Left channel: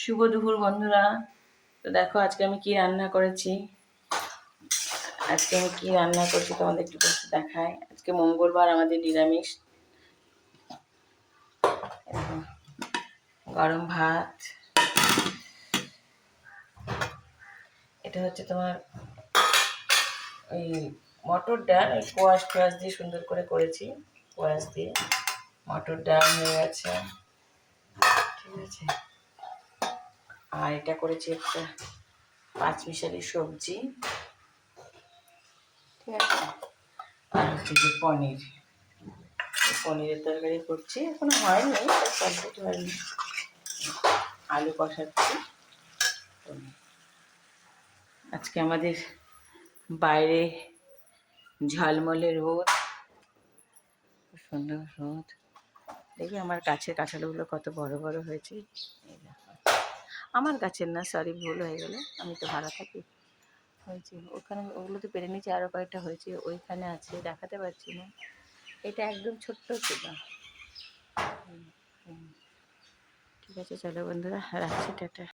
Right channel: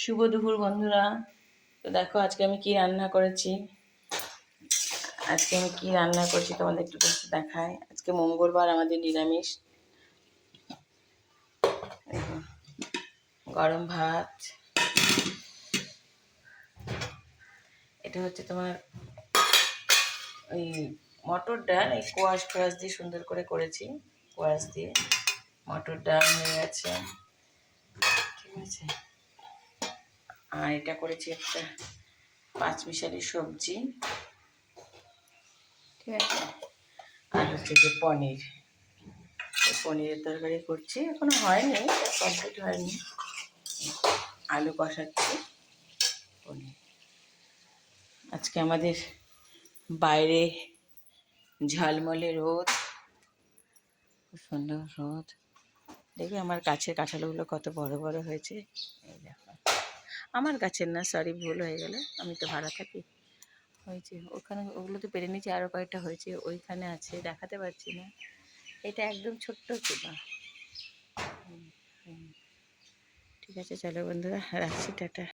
শুভ দুপুর বন্ধুরা। তো দেখো আজকে আমি কি রান্না করেছি। তোমাদের একটু করে দেখাই। আজকে মঙ্গলবার, আমাদের নিরামিষ। গরম ভাত, এটা হচ্ছে তোমার ওই মটর ডাল, এই কোয়াশ টোয়াশ দিয়ে সুন্দর করে করেছি। কোয়াশ দিয়ে মটর ডাল হয়ে গেছে, ঠিক আছে। আর এটা করেছি একটা পাঁচমিশালি সবজি, ঠিক আছে। আর হচ্ছে যে পনিরের তরকারি করছি, এখনো হয়নি, কমপ্লিট হয়নি। আলু কষাচ্ছি। আজকে আমাদের বাইরে ঝলমলে রোদ, খুব সুন্দর রোদ। দেখবে আমার গাছের কাঁঠালগুলো কত বড় বড় হয়েছে। এই দেখো, আমার গাছের না, সরি, ভুল হয়ে গেল, আমি তো ভাড়া থাকি। হয়েছে ওখানে, ওগুলো তো পেরে নিয়েছি, আরও কয়েকটা হয়েছে ওইখানে আছে, দেখাতে পারছি না। এটা একদম ছোট্ট ছিল। ঠিক আছে, চলো বন্ধুরা, রাখছি, টাটা।